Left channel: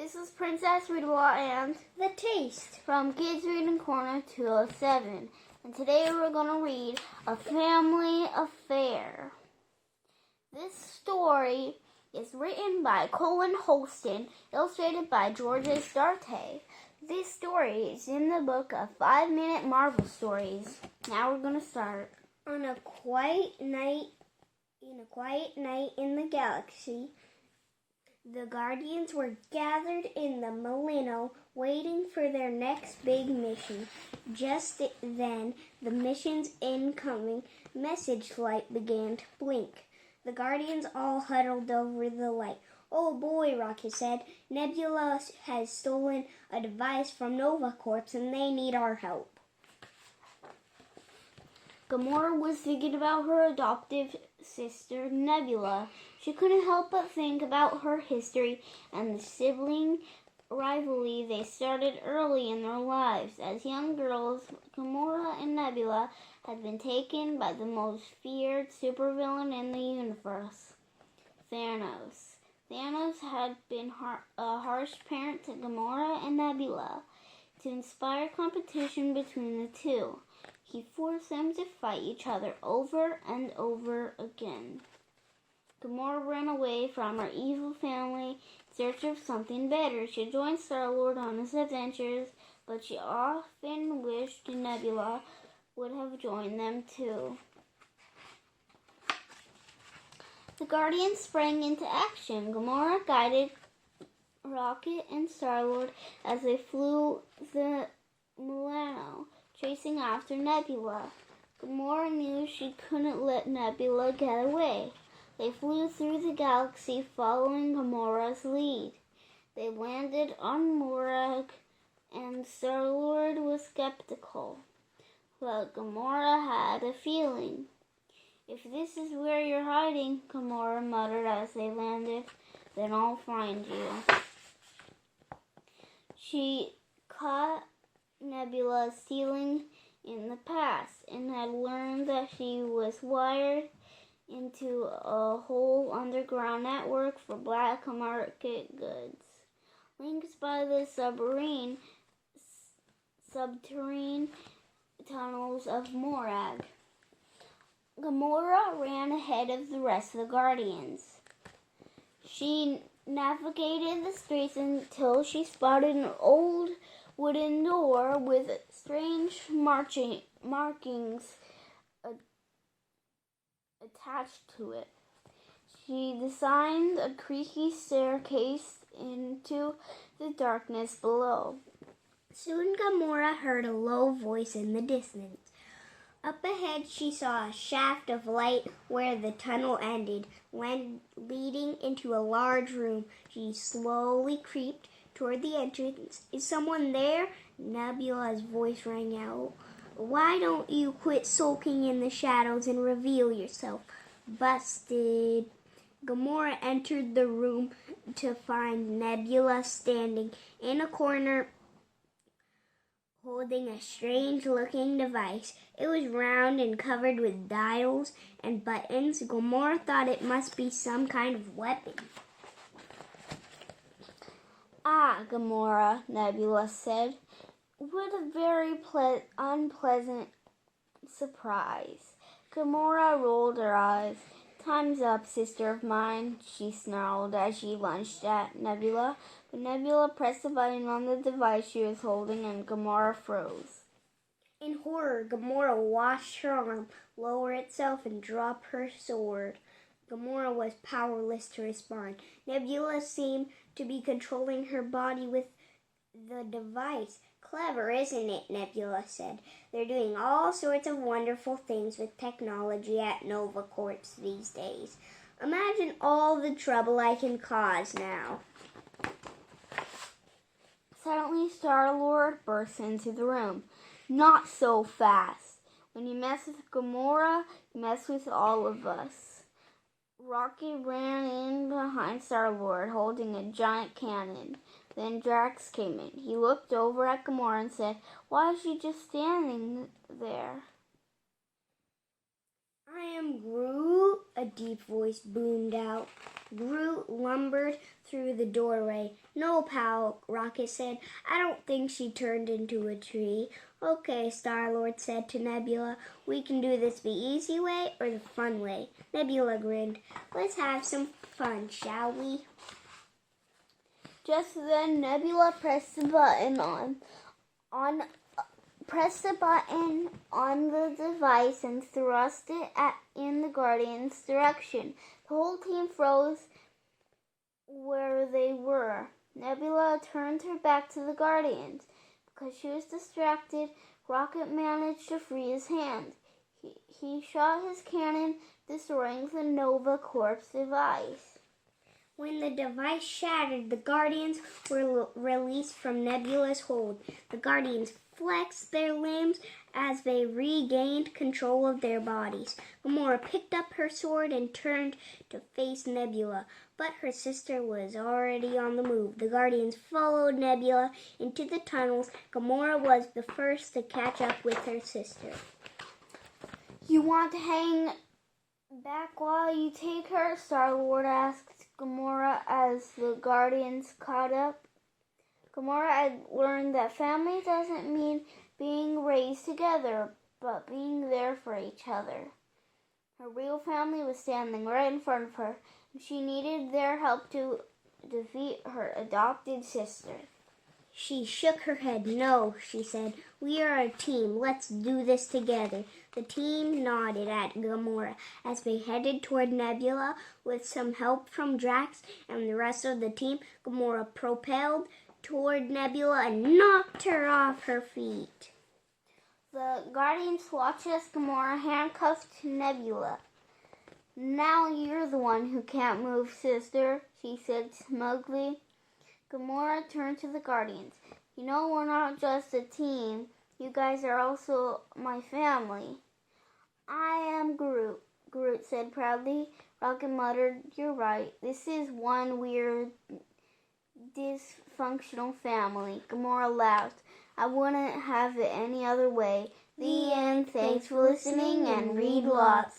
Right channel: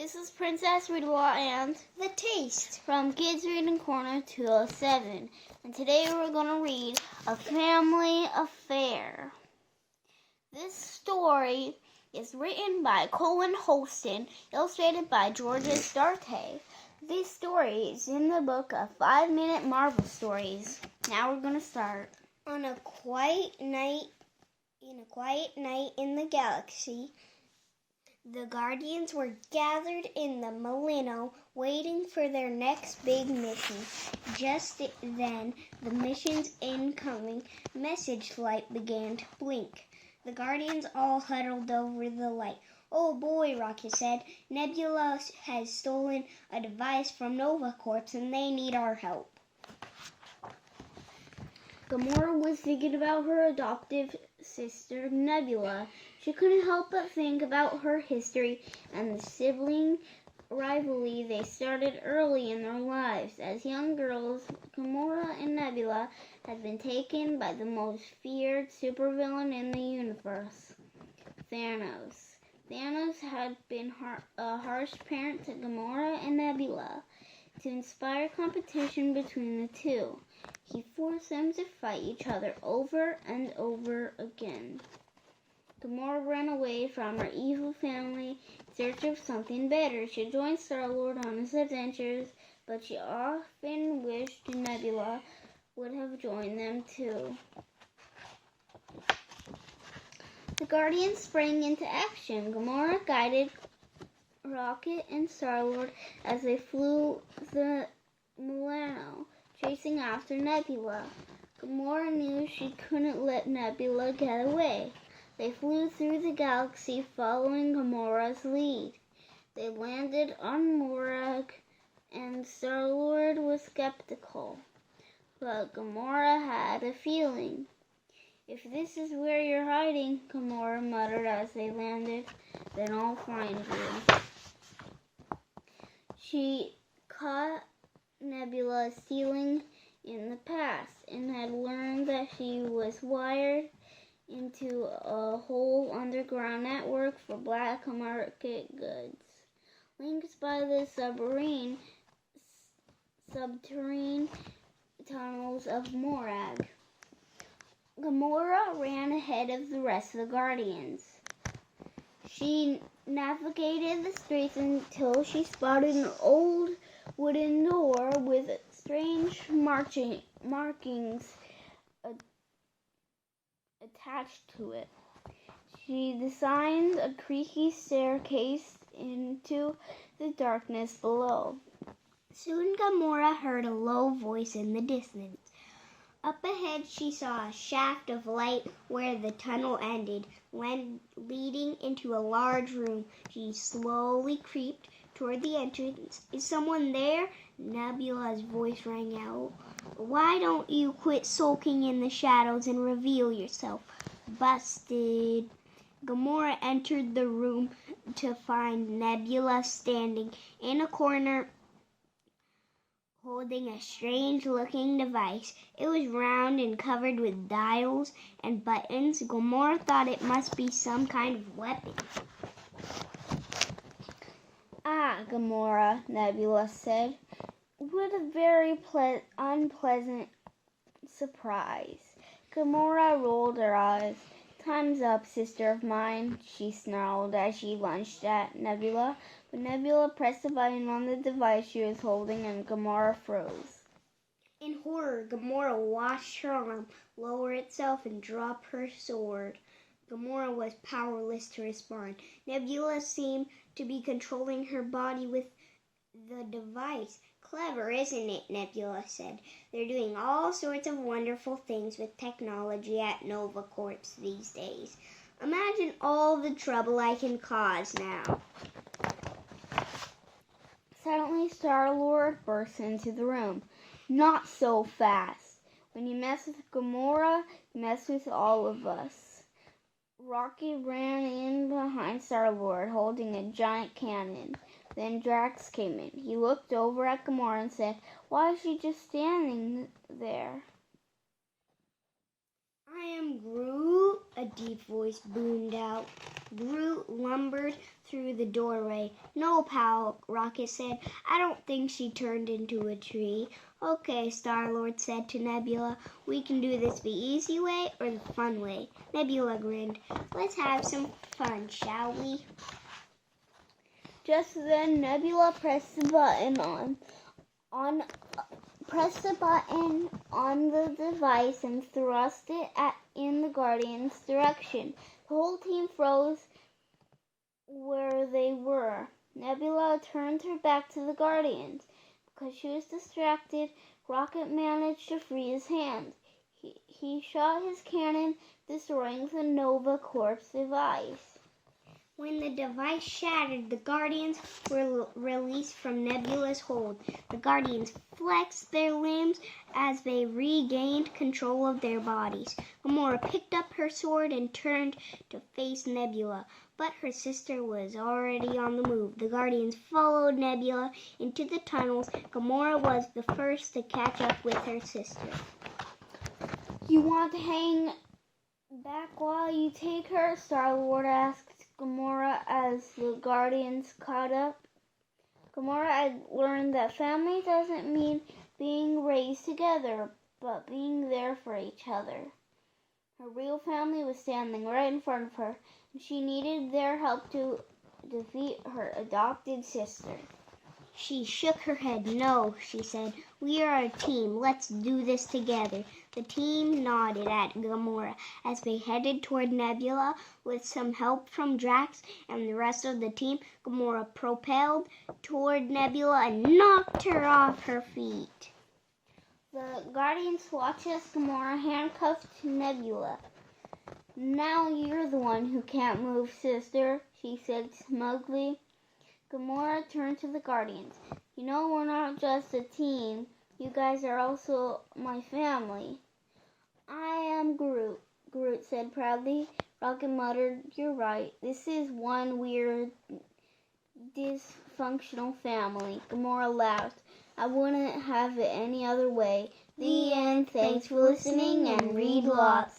This is Princess Readwithme and The Taste from Kids Reading Corner 207. And today we're going to read A Family Affair. This story is written by Colin Holston, illustrated by Duarte. This story is in the book of 5-Minute Marvel Stories. Now we're going to start. On a quiet night in the galaxy, the Guardians were gathered in the Molino, waiting for their next big mission. Just then, the mission's incoming message light began to blink. The Guardians all huddled over the light. "Oh boy," Rocket said. "Nebula has stolen a device from Nova Corps and they need our help." Gamora was thinking about her adoptive sister, Nebula. She couldn't help but think about her history and the sibling rivalry they started early in their lives. As young girls, Gamora and Nebula had been taken by the most feared supervillain in the universe, Thanos. Thanos had been a harsh parent to Gamora and Nebula. To inspire competition between the two, he forced them to fight each other over and over again. Gamora ran away from her evil family in search of something better. She joined Star-Lord on his adventures, but she often wished Nebula would have joined them too. The Guardians sprang into action. Gamora guided Rocket and Star-Lord as they flew the Molino, chasing after Nebula. Gamora knew she couldn't let Nebula get away. They flew through the galaxy following Gamora's lead. They landed on Morag, and Star-Lord was skeptical. But Gamora had a feeling. "If this is where you're hiding," Gamora muttered as they landed, "then I'll find you." She caught Nebula stealing in the past and had learned that she was wired into a whole underground network for black market goods. Linked by the subterranean tunnels of Morag. Gamora ran ahead of the rest of the Guardians. She navigated the streets until she spotted an old wooden door with strange markings attached to it. She designed a creaky staircase into the darkness below. Soon Gamora heard a low voice in the distance. Up ahead she saw a shaft of light where the tunnel ended, leading into a large room. She slowly creeped toward the entrance. "Is someone there?" Nebula's voice rang out. "Why don't you quit sulking in the shadows and reveal yourself?" "Busted." Gamora entered the room to find Nebula standing in a corner holding a strange-looking device. It was round and covered with dials and buttons. Gamora thought it must be some kind of weapon. "Ah, Gamora," Nebula said. "What a very unpleasant surprise." Gamora rolled her eyes. "Time's up, sister of mine," she snarled as she lunged at Nebula. But Nebula pressed a button on the device she was holding and Gamora froze. In horror, Gamora watched her arm lower itself and drop her sword. Gamora was powerless to respond. Nebula seemed to be controlling her body with the device. "Clever, isn't it?" Nebula said. "They're doing all sorts of wonderful things with technology at Nova Corps these days. Imagine all the trouble I can cause now." Suddenly, Star-Lord burst into the room. "Not so fast. When you mess with Gamora, you mess with all of us." Rocket ran in behind Star-Lord, holding a giant cannon. Then Drax came in. He looked over at Gamora and said, "Why is she just standing there?" "I am Groot," a deep voice boomed out. Groot lumbered through the doorway. "No, pal," Rocket said. "I don't think she turned into a tree." "Okay," Star-Lord said to Nebula. "We can do this the easy way or the fun way." Nebula grinned. "Let's have some fun, shall we?" Just then, Nebula pressed the button on the device and thrust it in the Guardian's direction. The whole team froze where they were. Nebula turned her back to the Guardians. Because she was distracted, Rocket managed to free his hand. He shot his cannon, destroying the Nova Corps device. When the device shattered, the Guardians were released from Nebula's hold. The Guardians flexed their limbs as they regained control of their bodies. Gamora picked up her sword and turned to face Nebula, but her sister was already on the move. The Guardians followed Nebula into the tunnels. Gamora was the first to catch up with her sister. "You want to hang back while you take her?" Star-Lord asked Gamora as the Guardians caught up. Gamora had learned that family doesn't mean being raised together, but being there for each other. Her real family was standing right in front of her, and she needed their help to defeat her adopted sister. She shook her head. "No," she said. "We are a team. Let's do this together." The team nodded at Gamora as they headed toward Nebula. With some help from Drax and the rest of the team, Gamora propelled toward Nebula and knocked her off her feet. The Guardians watched as Gamora handcuffed Nebula. "Now you're the one who can't move, sister," she said smugly. Gamora turned to the Guardians. "You know we're not just a team. You guys are also my family." "I am Groot," Groot said proudly. Rocket muttered, "You're right. This is one weird, dysfunctional family." Gamora laughed. "I wouldn't have it any other way." The end. Thanks for listening and read lots.